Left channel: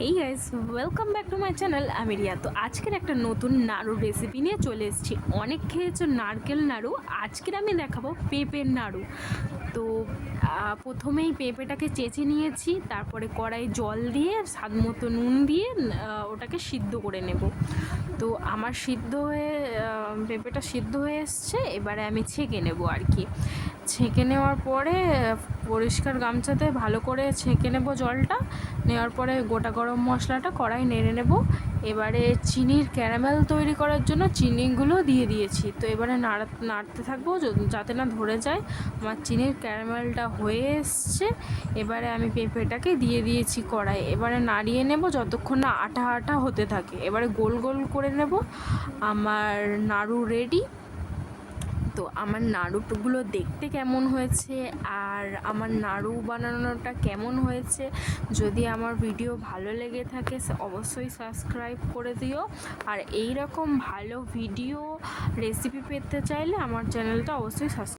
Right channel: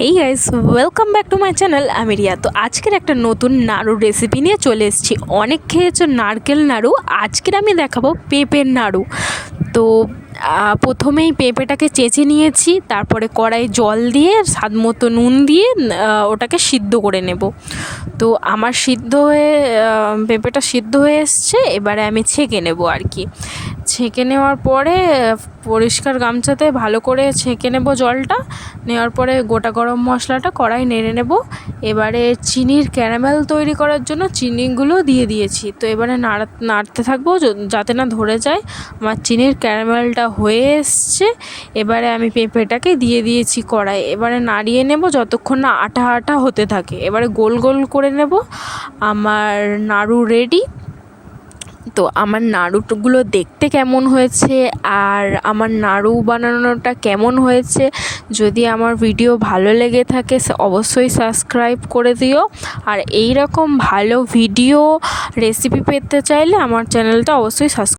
Hey guys, welcome back to my channel. আমি রিয়া। তো আজকের একটা নতুন নাড়ু রেসিপি নিয়ে চলে এসেছি। অনেক খেয়েছো নারকেল নাড়ু, আজকের আমি দেখাবো পেঁপের নাড়ু। তো প্রথমেই পেঁপেটাকে চেঁচে নিয়েছি, তারপরে কড়াই জল দিয়ে স্বাদ মতো নুন দিয়ে ওটাকে সিদ্ধ করে নেব। তো আমার পেঁপেটা সিদ্ধ হয়ে এসছে, এবারে আমি ছেঁকে নেব আর কি। ছেঁকে নেওয়ার পরে পরিষ্কার গামছাতে ভালো করে ছেঁকে নেব জলটা। নেওয়ার পরে গোটা গরম মশলাটা কড়াই নেড়ে নেব। এবারে চিনির ক্যারামেল তৈরি করার জন্য চিনিগুলো দিয়ে দিয়েছি। তো এবারে নাড়তে থাকবো যাতে না ধরে যায়। আমার চিনির ক্যারামেলটা হয়ে এসছে। এবারে আমি পেঁপেটাকে দিয়ে দিয়েছি কড়াই। এবারে নাড়িয়ে নেব যতক্ষণ না আঠা আঠা হতে থাকে। এবারে গোল গোল করে নেব। আমার নাড়ু রেডি। তো আমার নাড়ুগুলো দেখতে কেমন হয়েছে আর আমার নাড়ু বানানোটা কেমন হয়েছে, যদি আমার ভিডিও ভালো লেগে থাকে অবশ্যই সাবস্ক্রাইব করে দিও। আর এই রকম ভালো ভিডিও রেসিপি পেতে চাইলে আমার চ্যানেলটা অবশ্যই সাবস্ক্রাইব